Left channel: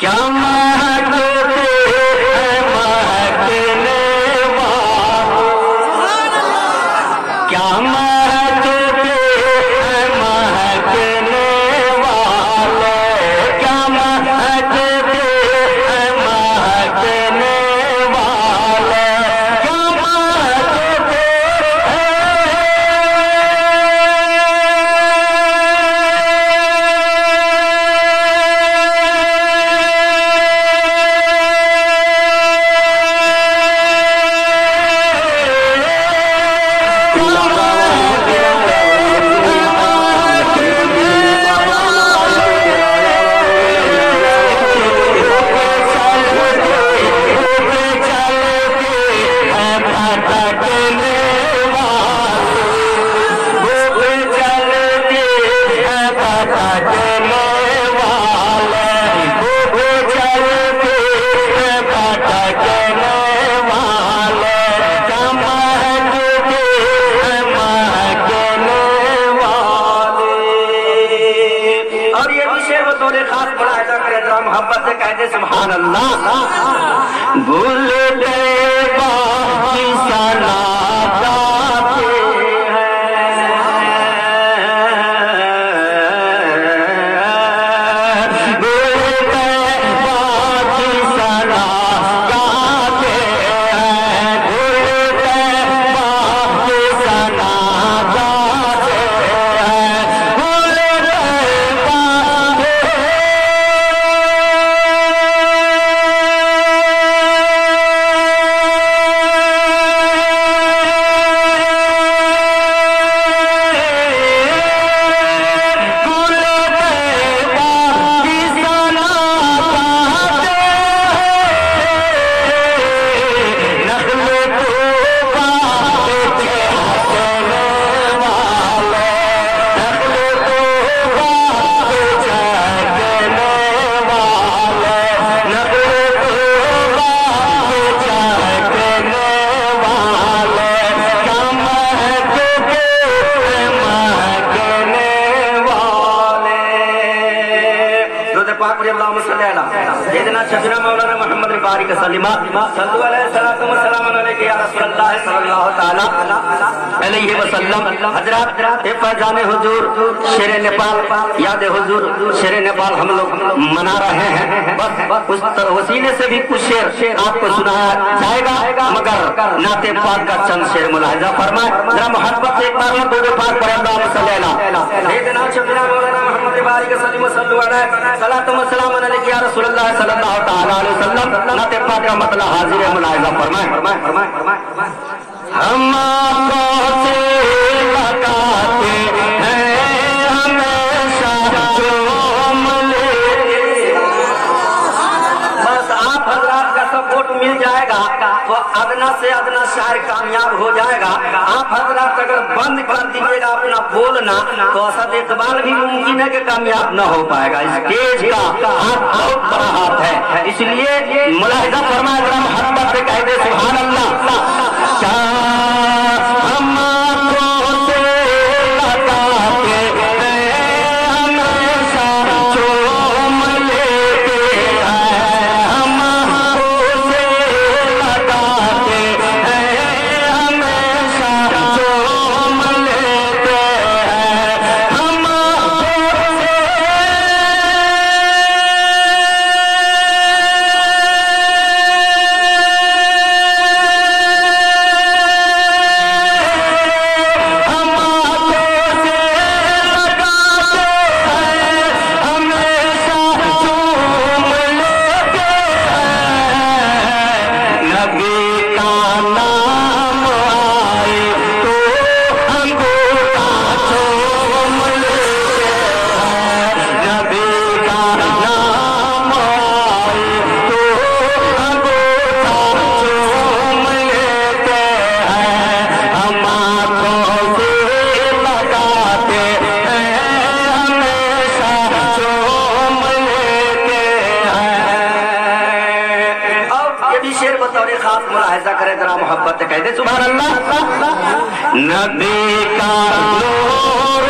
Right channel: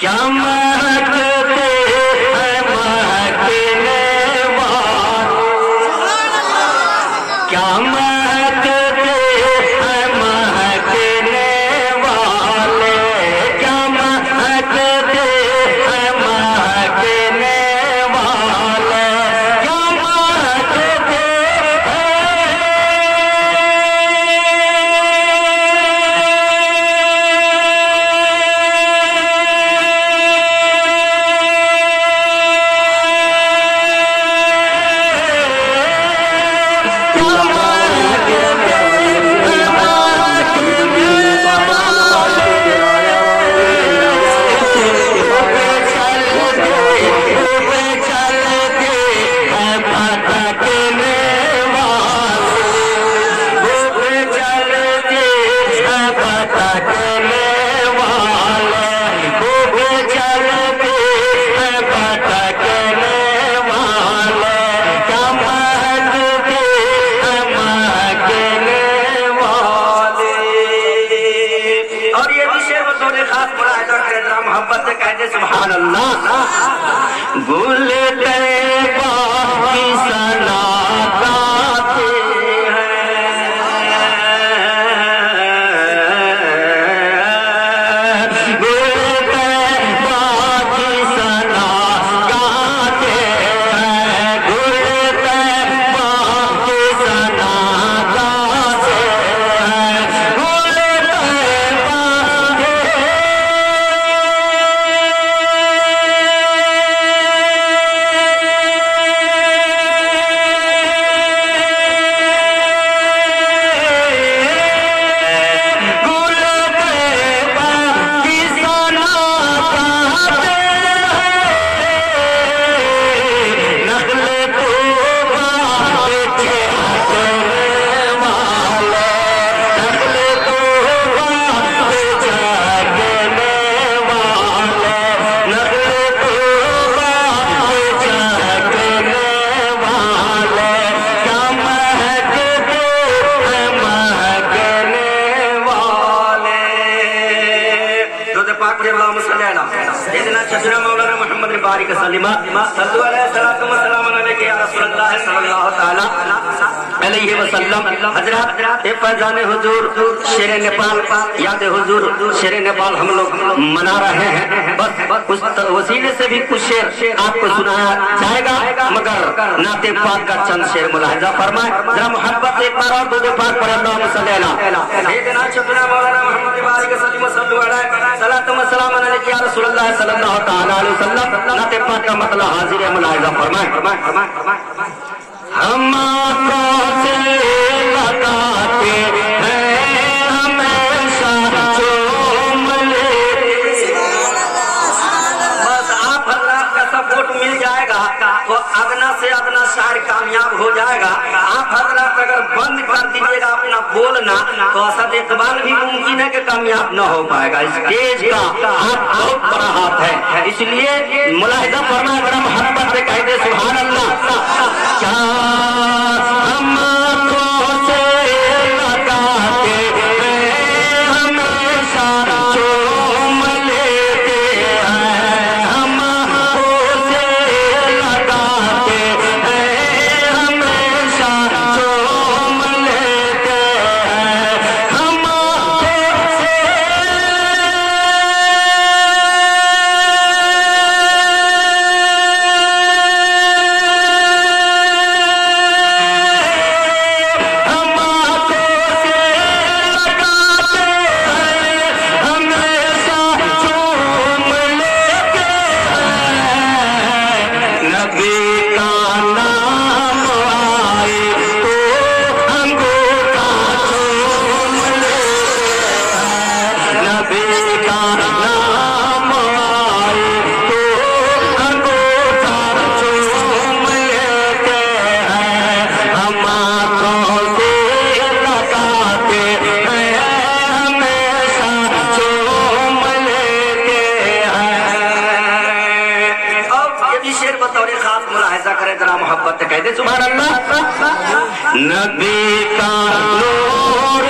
क्या महकते हैं महकने वाले, क्या महकते हैं महकने वाले, क्या महकते हैं महकने वाले, क्या महकते मोहब्बत से कहते सुभान अल्लाह। गुल तैबा की सना गाते हैं, गुल तैबा की सना गाते हैं, गुल तैबा की सना गाते हैं, गुल तैबा शफीना मौलाना मोहम्मद बारिक सलीमा सल्लल्लाहु अलैहि वसल्लम। हजरत फैजान हुजूर शेर नेपाल, याद हुजूर शेर नेपाल हम लोग मना रहे हैं। बस उस वसीले से भी कुछ शेर आपको सुनाया जाएगा, मगर नाते पाक का चंद शेर मुलाहिजा फरमाए जरा मोहब्बत से एक बार और दो पाक पर अल्लाह सल्लल्लाहु शफीना मौलाना मोहम्मद बारिक सलीमा सल्लल्लाहु अलैहि वसल्लम। नाते पाक का मतलब हाजिर मुलाहिजा फरमाए। हम आंखों से लगाते हैं हमेशा चूम लेते, बस आप हजरात का सपोर्ट मिल जाएगा तो अदना से अदना शायर कामयाब हो जाएगा। आप हजरात अगर बंद कर दीजिएगा अपना बोलना तो असद इकबाल भी मुमकिन है कि कामयाब न हो पाएगा। स्टेज का हाथ बहुत बड़ा हाथ है, इसलिए मुलाहिजा फरमाए बड़ा मोहब्बत से कह दे सुभान अल्लाह। हम आंखों से लगाते हैं हमेशा चूम लेते हैं, हम आंखों से लगाते हैं हमेशा चूम लेते हैं, हम आंखों से मोहब्बत कहते सुभान अल्लाह। नबी का नूर